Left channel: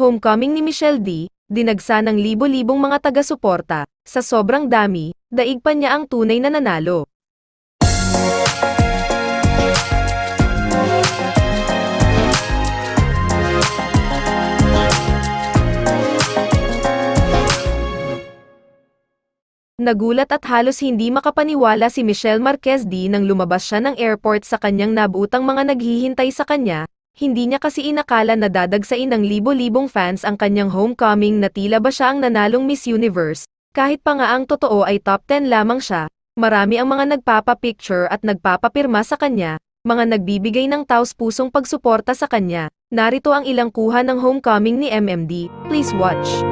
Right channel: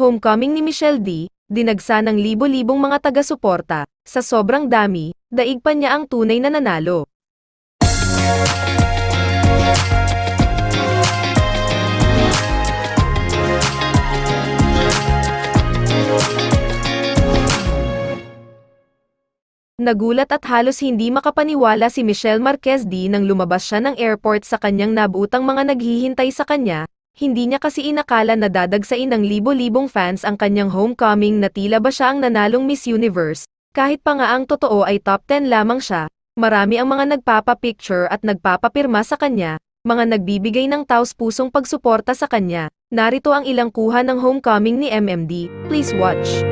Homecoming ni Michelle D, dinagsa ng libo-libong mga taga-suporta. Sa sobrang dami, daig pa niya ang tunay na nanalo. Nagulat at halos hindi makapaniwala si Michelle Marquez D nang lumabas siya ng airport sa kanyang nabuutang mga naghihintay sa kanya, hindi niya kasi inakala na dadagsain ng libo-libong fans ang kanyang homecoming na tila ba siya ang nanalong Miss Universe, kahit pa nga ang totoo ay top 10 lamang siya, marami ang mga nagpapapicture at nagpapapirma sa kanya, mga nagbibigay ng taos-pusong pagsuporta sa kanya. Narito ang ilang kuha ng homecoming ni MMD, please watch.